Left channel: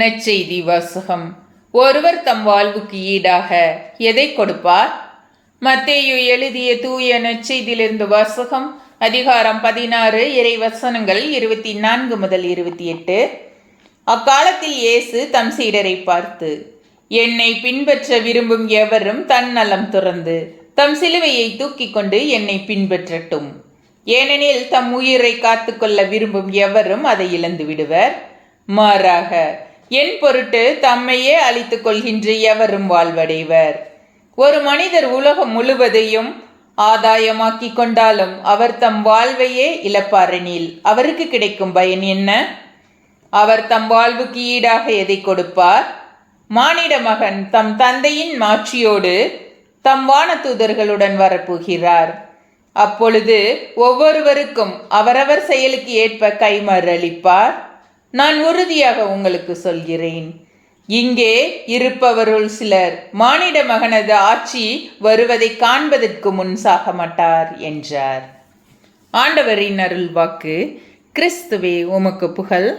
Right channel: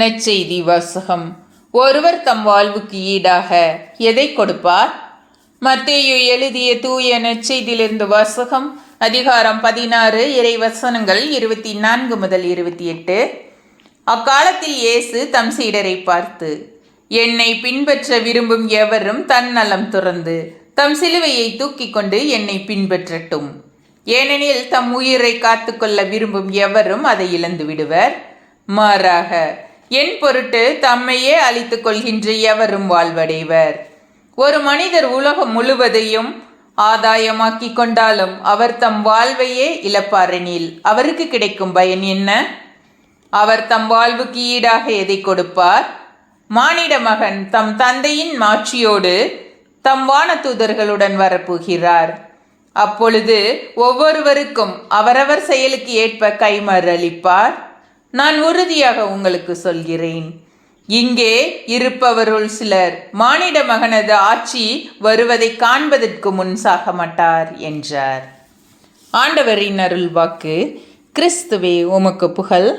நற்செய்தி வாசகம். ஒருவர் தம் வாழ்வுக்கு ஈடாக எதை கொடுப்பார்? மத்தேயு எழுதிய தூய நற்செய்தியிலிருந்து வாசகம். அதிகாரம் 16, இறை வசனங்கள் 24 முதல் 28. அக்காலத்தில் இயேசு தம் சீடரை பார்த்து, என்னை பின்பற்ற விரும்பும் எவரும் தன் நலம் துறந்து தம் சிலுவையை தூக்கி கொண்டு என்னை பின்பற்றட்டும். ஏனெனில் தம் உயிரை காத்துக்கொள்ள விரும்பும் எவரும் அதை இழந்து விடுவர். மாறாக என் பொருட்டு தம்மையே அழித்துக் கொள்கின்ற எவரும் வாழ்வடைவர். ஒரு மனிதர் உலகம் முழுவதையும் ஆதாயமாக்கி கொண்டாலும் அவர் தம் வாழ்வையே இழப்பாரெனில் அவருக்கு கிடைக்கும் பயன் என்ன? அவர் தம் வாழ்வுக்கு ஈடாக எதை கொடுப்பார்? மானிட மகன் தம் தந்தையின் மாட்சியோடு தம் வானதூதர்களுடன் வரப்போகிறார். அப்பொழுது ஒவ்வொருவருக்கும் அவரவர் செயலுக்கு ஏற்ப கைமாறு அளிப்பார். நான் உறுதியாக உங்களுக்கு சொல்கிறேன், இங்கே இருப்பவருள் சிலர் மானிட மகனது ஆட்சி வருவதை காண்பதற்கு முன் சாக மாட்டார் என்றார். ஆண்டவரின் அருள் வாக்கு. கிறிஸ்துவே உமக்கு புகழ்.